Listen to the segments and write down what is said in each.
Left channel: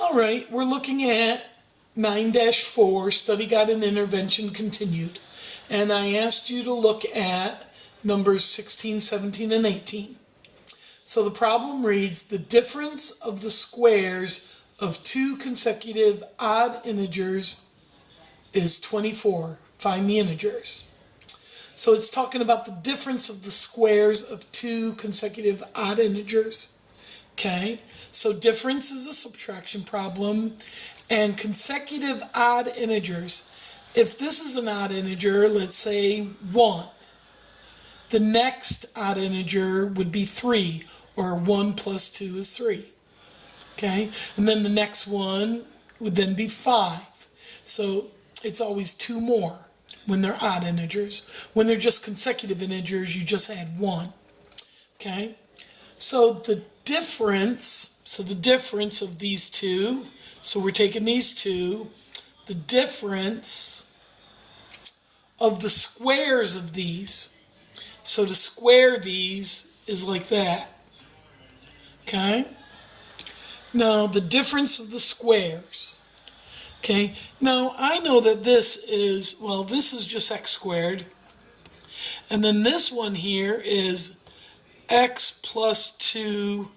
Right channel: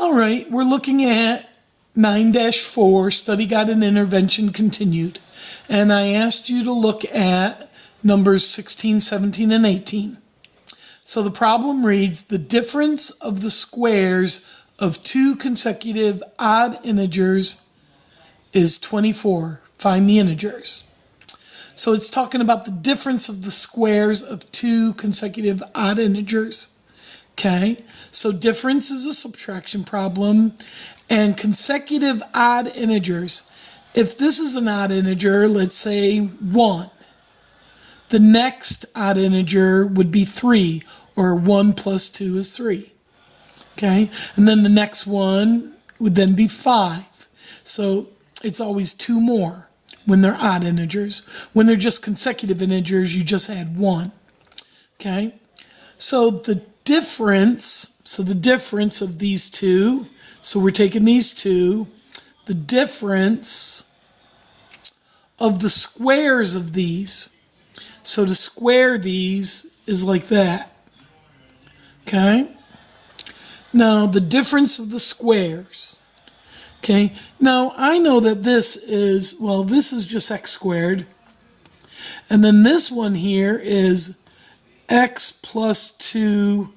All right, we're looking at 9-4, Study Guide and Intervention Continued. And I asked you to look at numbers 16, 17, and 18. So the problem reads, the difference of the squares of two consecutive odd integers is 24. Find the integers. So it's talking about the difference of the squares of two consecutive odd integers. Okay, so difference is a subtraction problem, and consecutive odd integers. If this is an odd integer, let's say 1, the next odd integer would be 3, or 1 plus 2 is 3. Okay, and then the next one would then be 5. So it's always 2 more when they're odd integers. When they're just consecutive integers, you just add 1. Okay, so the difference of these two, so we're taking these two, the difference of the squares of these, so to square these is like that. Okay, now the difference of the squares. Okay, now I know that this is, well, this is just x squared, and then this one here is x plus 2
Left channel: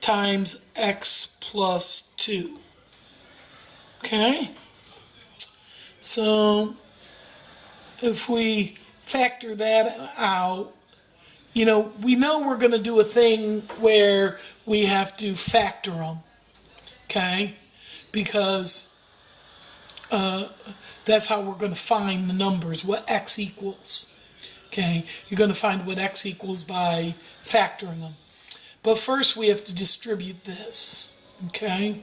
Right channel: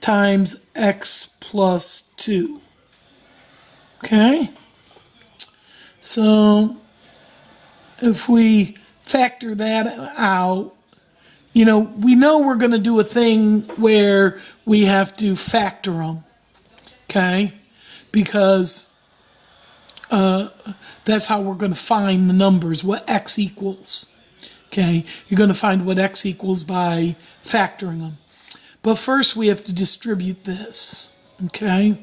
times x plus 2. Okay? So if we factor that out, you know we're going to do a thing where we have to factor them. Okay? Because that's how we're going to find the numbers, what x equals. Okay? You're going to find what x equals by factoring them. But first we have to distribute this, okay?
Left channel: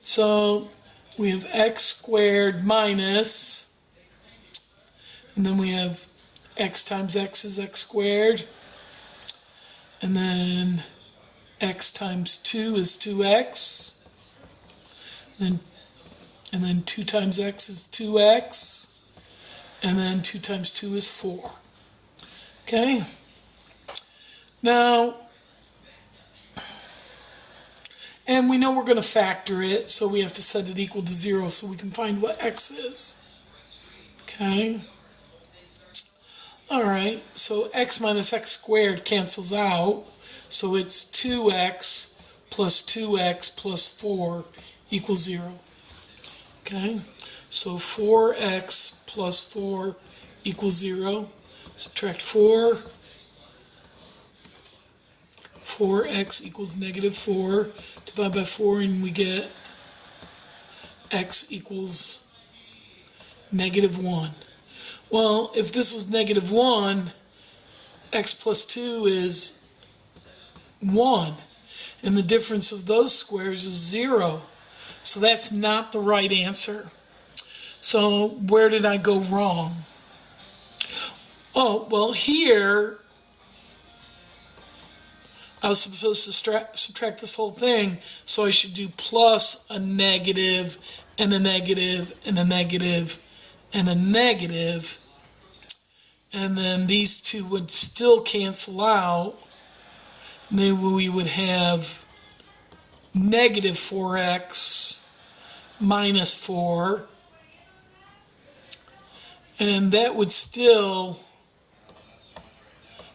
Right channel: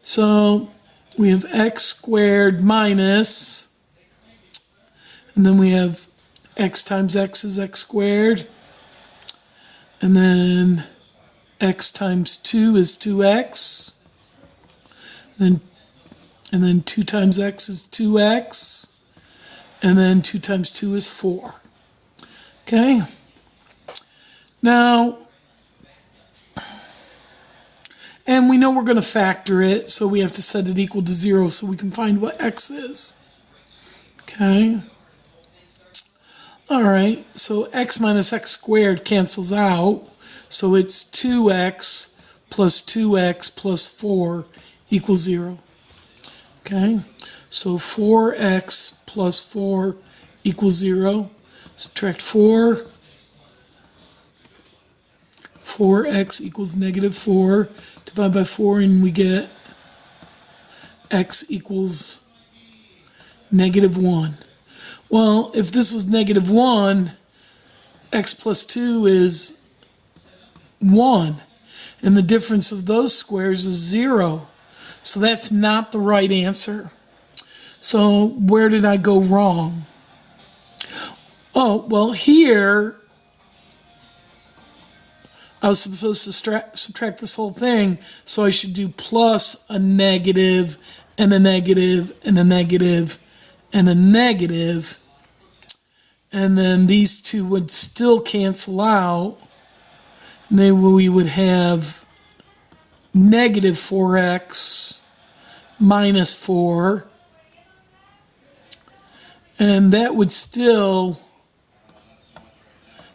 So we have x squared minus, and then we have x times x is x squared, and then x times 2 is 2x, and then 2 times x is 2x, and then 2 times 2 is 4. Okay? Now, and we know we're going to factor it, so we have to set it equal to 0 so we can find what x is. Okay? All right, so x minus x squared cancels out, so it's 2x plus 2x plus 4 equals 0. Okay? So 4x plus 4 equals 0. Subtract 4. 4x equals negative 4. Divide by 4 and we get x equals negative 1. Well, if this was negative 1, x plus 2 is 1. And the difference of those squares is 0. So that's not the right answer. So where did I go wrong? Oh, well, here I was supposed to subtract this whole thing, so I should do plus a negative and a negative and a negative and a negative, and then these two would still cancel out, and then we would have negative 4x minus 4, and that would still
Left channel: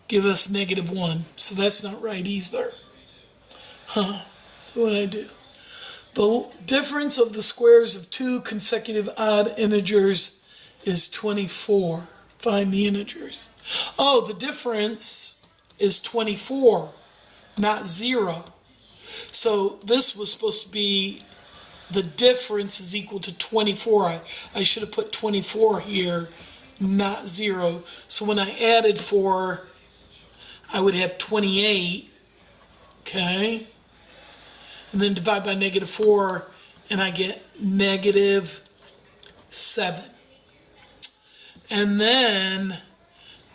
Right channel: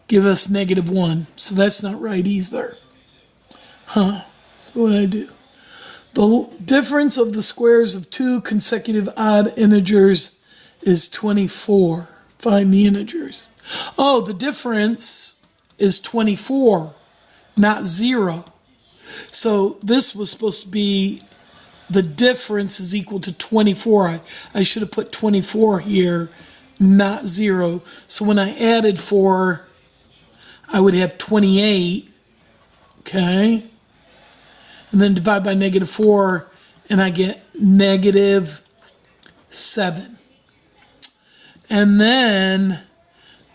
give us negative 1. So that's not right either. So what did I do? The difference of the squares of two consecutive odd integers is 24. Find the integers. Oh, the difference is 24, not 0. So this was supposed to be the difference is equal to 24. I should have put 24 here, not 0. So when I added 4, I would have 28, okay? And then divide by negative 4, and I get negative 7. And then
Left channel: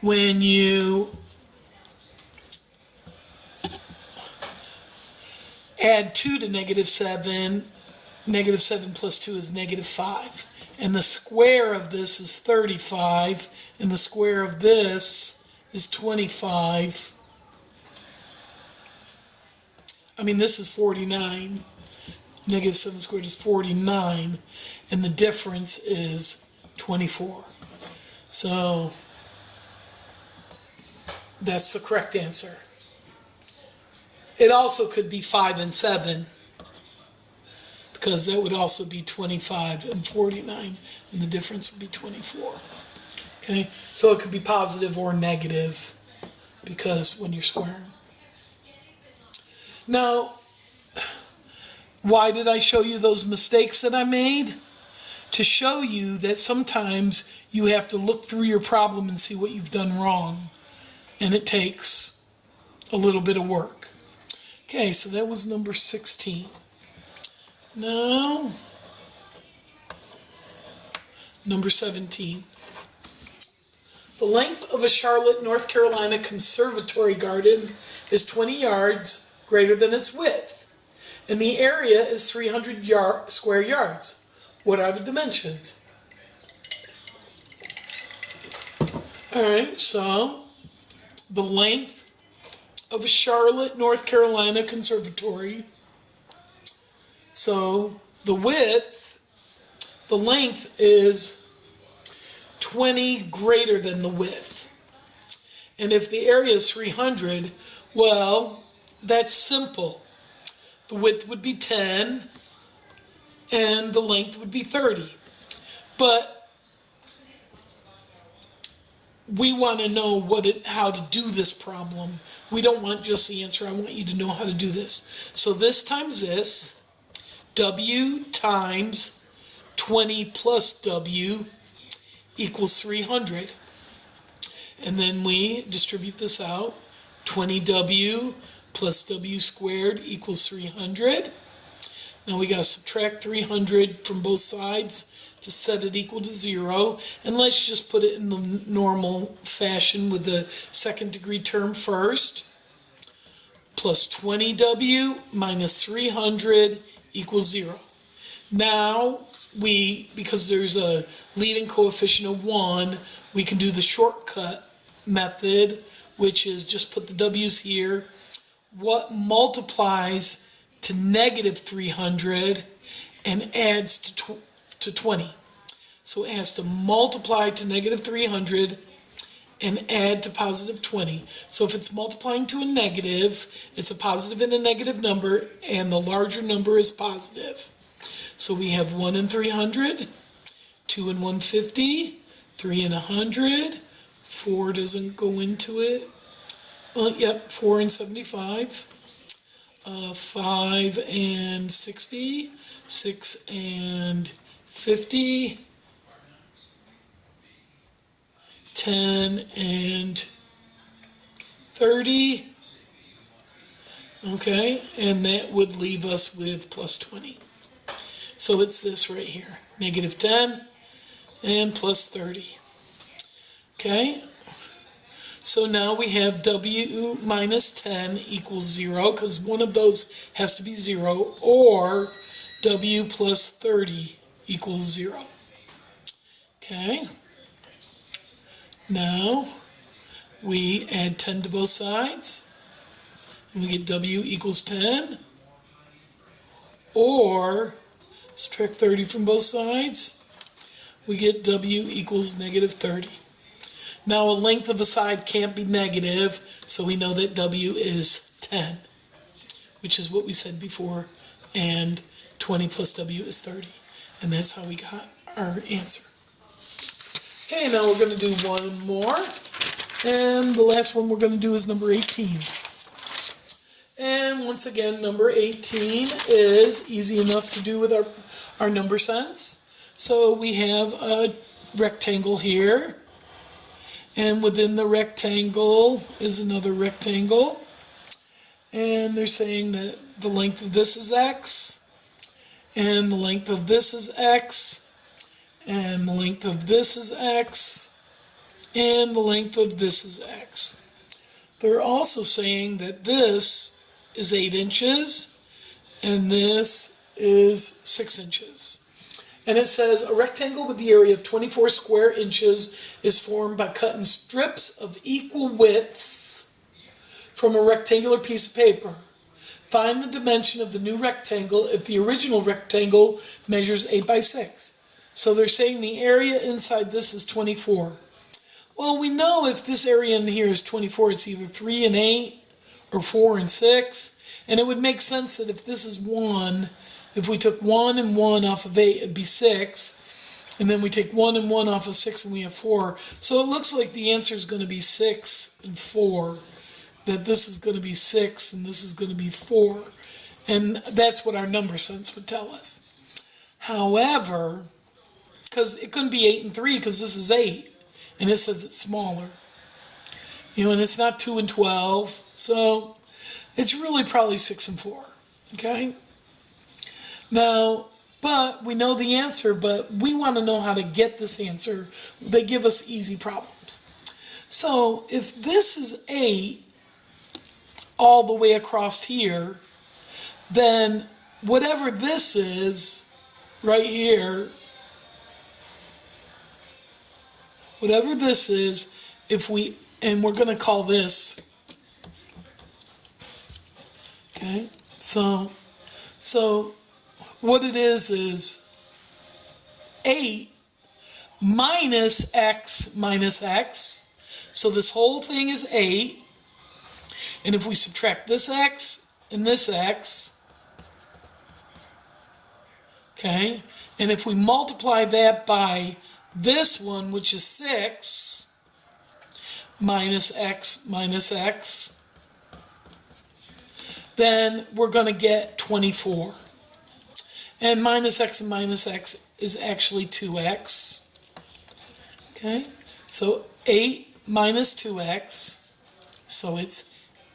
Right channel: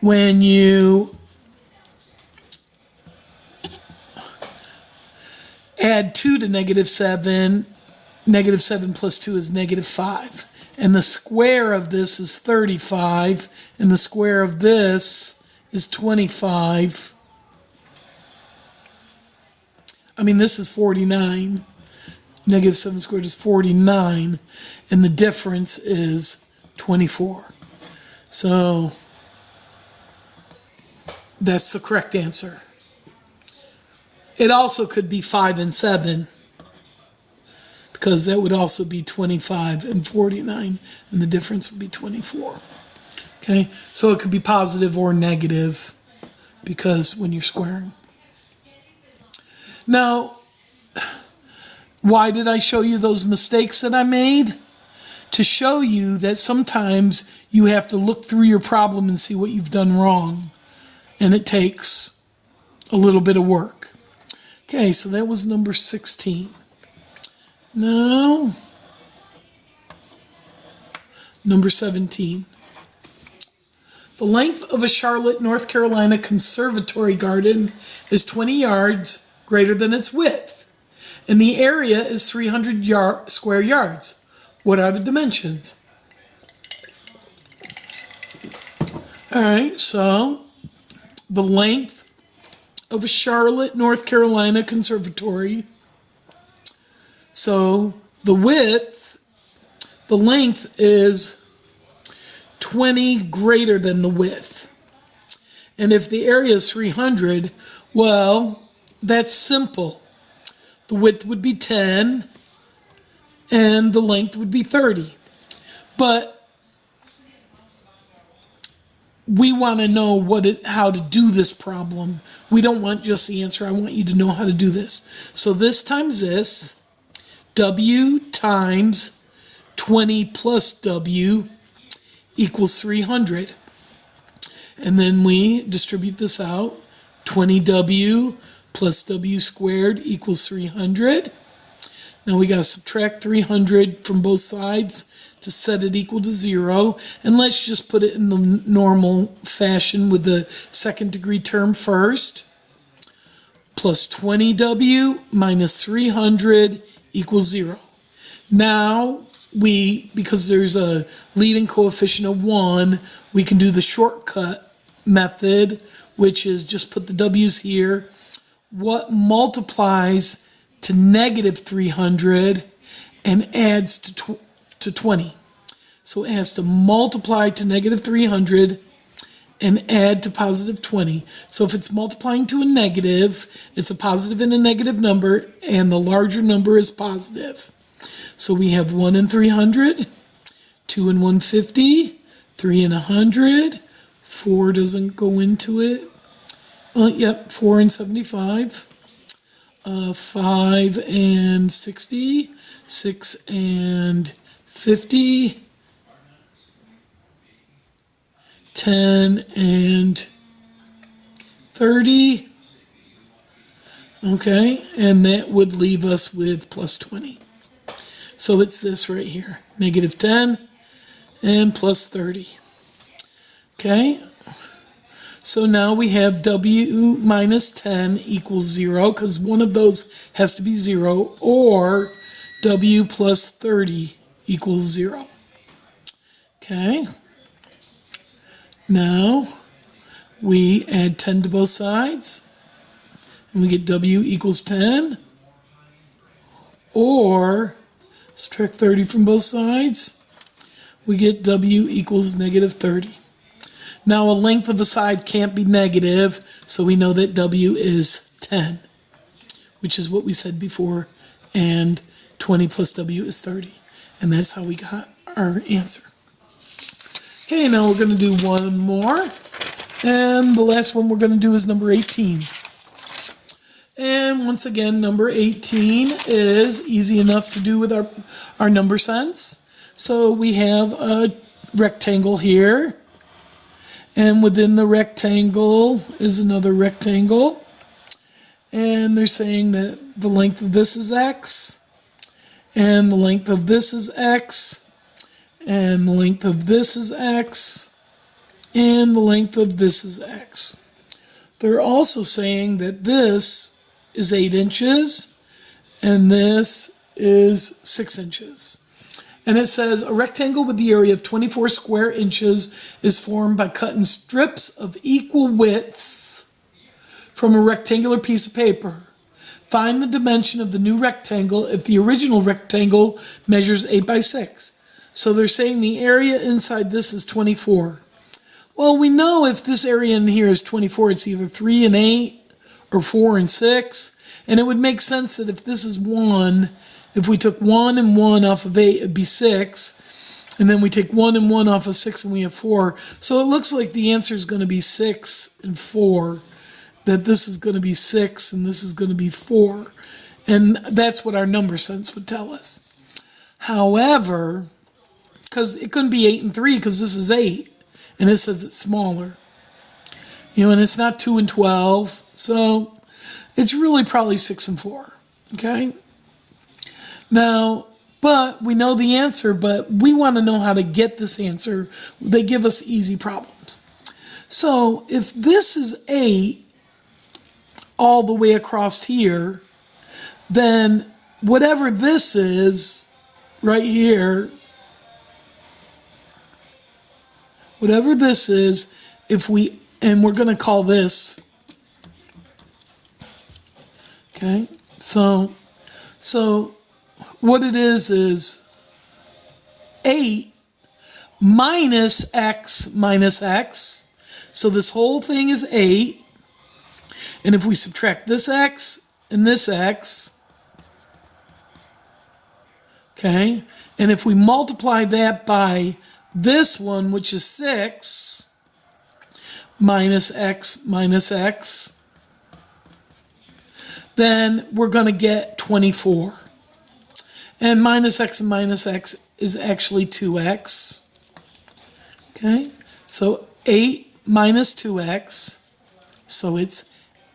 when you add 2 to negative 7 plus 2 is negative 5. And the square of this is 35, and the square of this is 25. I mean, this is 49. Negative 7 squared is 49, and the difference is 24. So that's the correct answer. It also could be 5 and 7, because that would also be 25 and 49, and the difference would be 24. Okay, so it could be positive or negative, because when you're squaring. Now, why did I show you those mistakes that I made? To show you that sometimes you have to look through your problem and see what you've done wrong, and it takes a little bit of work. Okay, so that was number 16. Now, number 17. The length of a Charlotte, North Carolina conservatory garden is 20 yards greater than its width, and the area is 300 square yards. What are the dimensions? All right, so the length of a Charlotte, North Carolina conservatory. So the length is 20 greater than the width. And if the area is 300, well, that's simple. The width would be 10 and the length would be 30. But we want to know how to do this problem. We don't want just the answer. I want you to know how to do this. So this times this, W times 20 plus W equals 300. And then we distribute this out. 20W plus W squared equals 300. Now we got to subtract 300 from both sides to set it equal to 0. And let's just put it in the normal fashion with the second degree term first. Plus 20W minus 300 equals 0. Now, because there's a leading coefficient of 1, we can do the shortcut method, which is just put the W's here. What multiplies to negative 300 and adds to 20? So it has to multiply to negative 300 and add to positive 20. So if it's multiplying to a negative, it's a positive and a negative number, and the larger number is positive. So we have 1 and 300, 2 and 150, 3 and 100, 4 doesn't go into it. 4 and 75, 5 and 60, 6 and 50, 10 and 30. Okay, and that would leave us with plus 20. So it's this right here, negative 10 and plus 30. Okay, so now we have W minus 10 equals 0, because one of those has to be 0, or W plus 30 equals 0. Okay, now we add 10 to both sides, and we get W equals 10, or subtract 30 from both sides, we get W equals negative 30. Now a length of a side can't be negative, so we know that W is 10, which is what we said before, and 20 plus W is 30. And that's how we got our answer. Okay, now we're going to do one more, and the last one we're going to do is number 18. And once again, number 18 is easy enough to do with our number sense. So we have a rectangle here, and within the rectangle is another rectangle. And they're saying that the length of this is x, and the length of this is x, and the length of this is x, and the length of this is x. They're also saying that this is 8 inches, and this is 6 inches. And it says a rectangle with the area of 24 square inches is formed by cutting strips of equal widths from a rectangular piece of paper. Find the dimension of the new rectangle if the original rectangle measures 8 by 6. So they're saying the area inside this is 24. Well, we know if this area in here is 24, it's either 3 and 8 or 4 and 6. And it would make sense that if this is 1, if we took 1 and 1 off of 8, it'd be 6. And then we take 1 and 1 off of 6 and we have 4. So it looks like the answer is going to be 6 and 4. That this is going to be 6 and this is going to be 4. And that's what our number sense would tell us. However, because it couldn't be 8 and 3 because this is 8. And it says it's smaller. And it's not 2 and 12. So it's really probably 6 and 4. Okay? Now, but we know the answer, but we want to know how to get this answer. They give us easy problems. So if this is 8 all the way across here, then whatever this is right here, whatever this is, and we're going to call this, okay, so what it is 8 minus x minus x, so this whole thing is 8, and if we subtract this x and this x, okay, and if we multiply that by this one, which is 6, minus x, then we're going to get 24. And minus x is actually 2x. Okay, so 8 minus 2x, so it's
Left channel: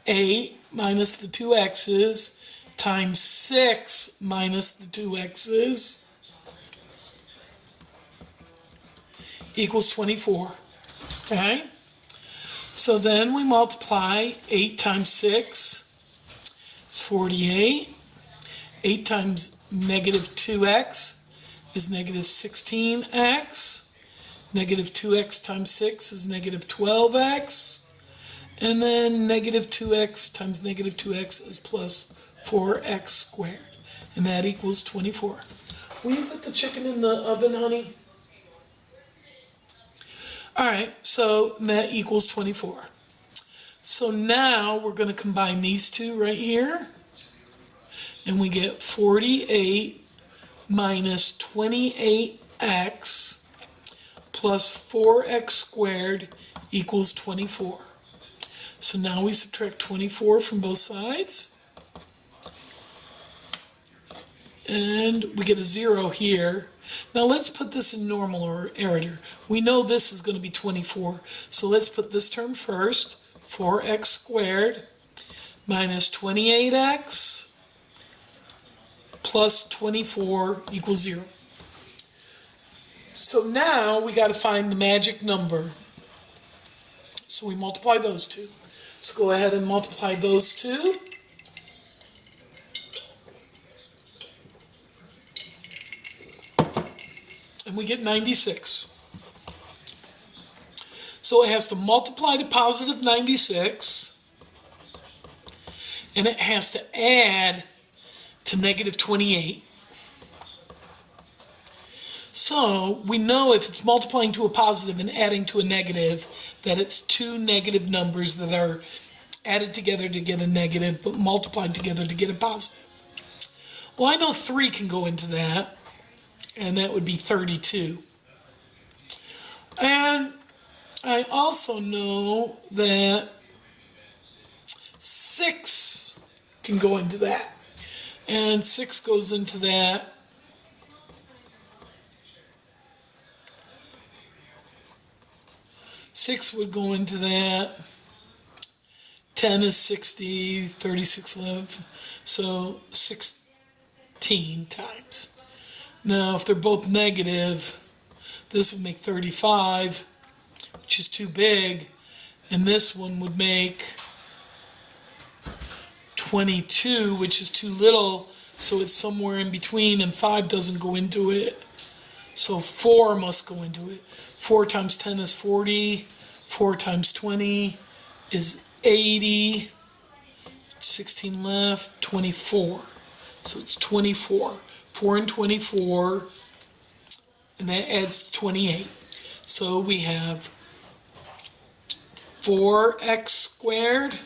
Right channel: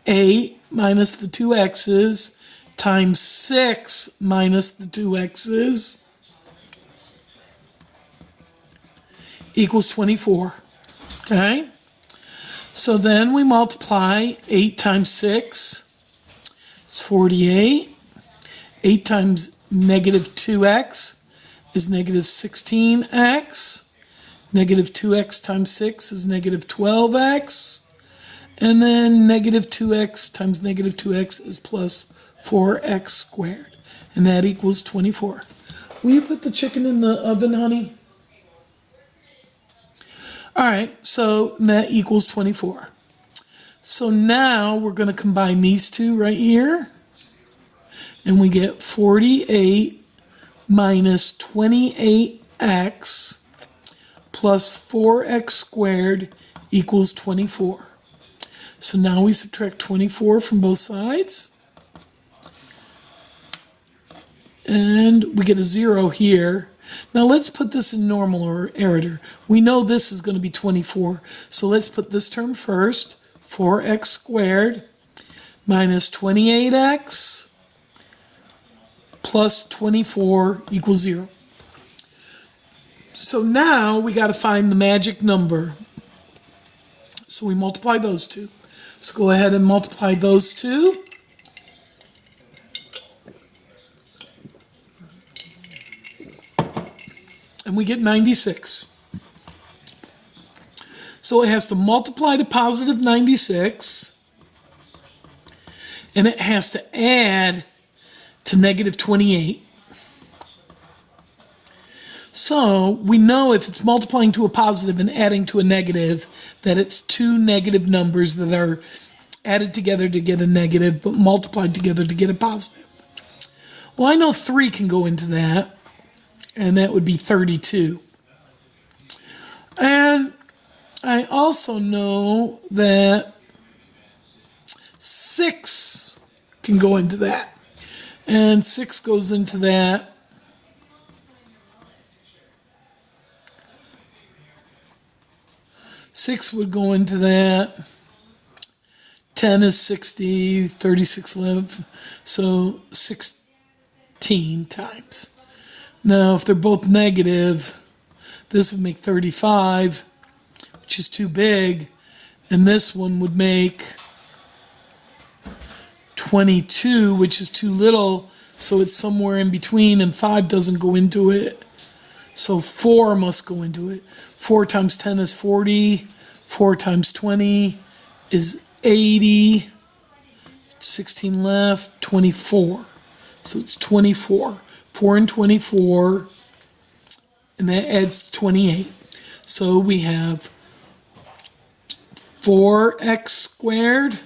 8 minus the 2x's times 6 minus the 2x's equals 24. Okay? So then we multiply 8 times 6, it's 48. 8 times negative 2x is negative 16x. Negative 2x times 6 is negative 12x. And then negative 2x times negative 2x is plus 4x squared. And that equals 24. Will you put the chicken in the oven, honey? All right, so that equals 24. So now we're going to combine these two right here. And we get 48 minus 28x plus 4x squared equals 24. So now we subtract 24 from both sides. And we get a 0 here. Now let's put this in normal order. We know this is going to be 24. So let's put this term first. 4x squared minus 28x plus 24 equals 0. So now we got to find the magic number. So we multiply those two. So go ahead and multiply those two. And we get 96. So it has to multiply to positive 96. And it has to add to negative 28. So we know if it's multiplying to a positive and adding to a negative, that it's two negative numbers that are added together to get a negative, but multiplied together to get a positive. Well, I know 3 can go into that, and that would be 32. And I also know that 6 can go into that. And 6 goes into that. Six would go into that. 10 is 60, 36 live. So 16 times. Now, if they're both negative, this would make 35, which is too big. And this one would make 22, which is too little, so it's somewhere in between, and 5 doesn't go into it. So 4 must go into it. 4 times 10 is 40. 4 times 20 is 80. 16 left, 24. So it's 24. 4 and 24, and that adds to 28. So we have 4x squared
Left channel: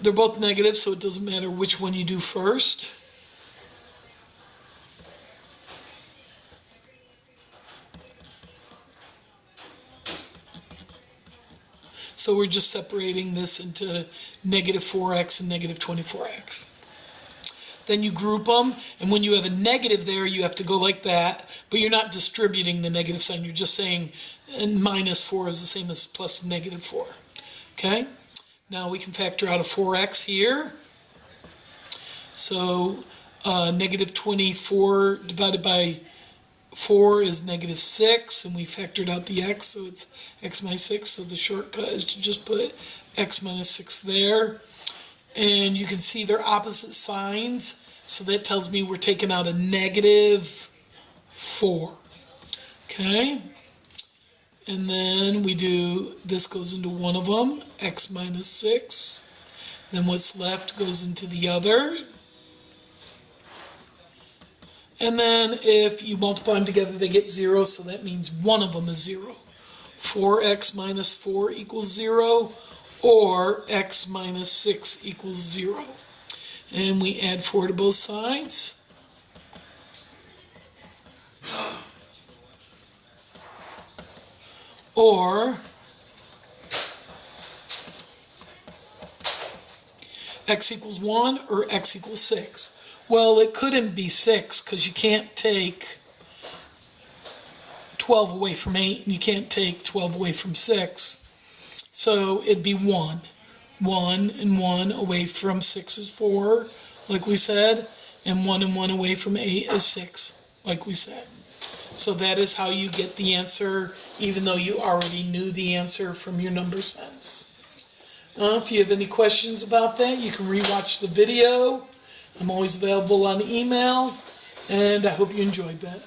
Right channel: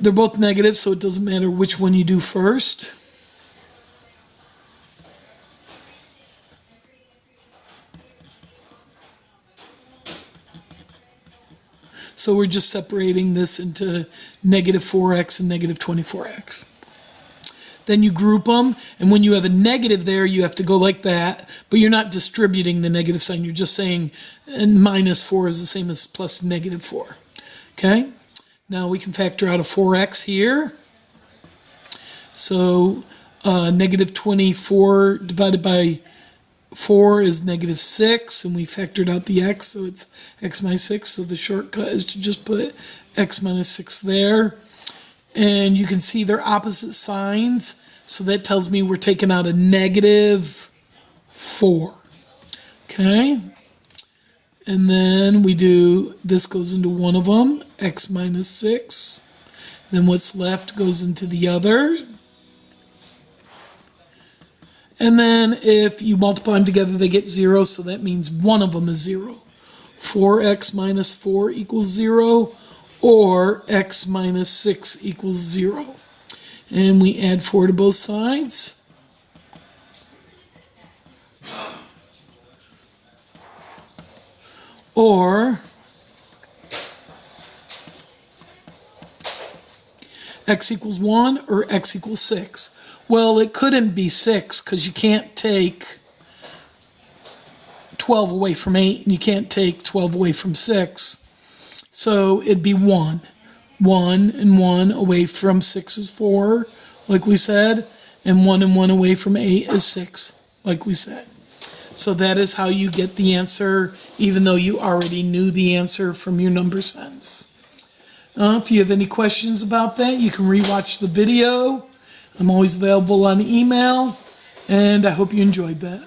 they're both negative, so it doesn't matter which one you do first. So we're just separating this into negative 4x and negative 24x. Then you group them, and when you have a negative there, you have to go like that, but you're not distributing the negative sign. You're just saying minus 4 is the same as plus negative 4. Okay? Now we can factor out a 4x here. So negative 24 divided by 4 is negative 6, and we factored out the x, so it's x minus 6. So the shortcut is to just put x minus 6 there. And you can see they're opposite signs, so that tells me we're taking out a negative 4. Okay? And then we do, this goes into one of them, x minus 6. Then what's left goes into the other. And then if you multiply them together, they get 0, so that means one of them is 0. 4x minus 4 equals 0, or x minus 6 equals 0. And we add 4 to both sides. Or x equals 1 or x equals 6. Well, it couldn't be 6 because you can't take 12 away from 8 and you can't take 12 away from 6. So it'd be 1. 1 and 1 away from 6 is 4, like we said, and 1 and 1 away from 8 is 6, like we said. So that is how you get the answer, even though you already knew the answer from your number sense. If you have any questions about that, you can rewatch the video. I'm always available on email, and I hope you enjoyed that.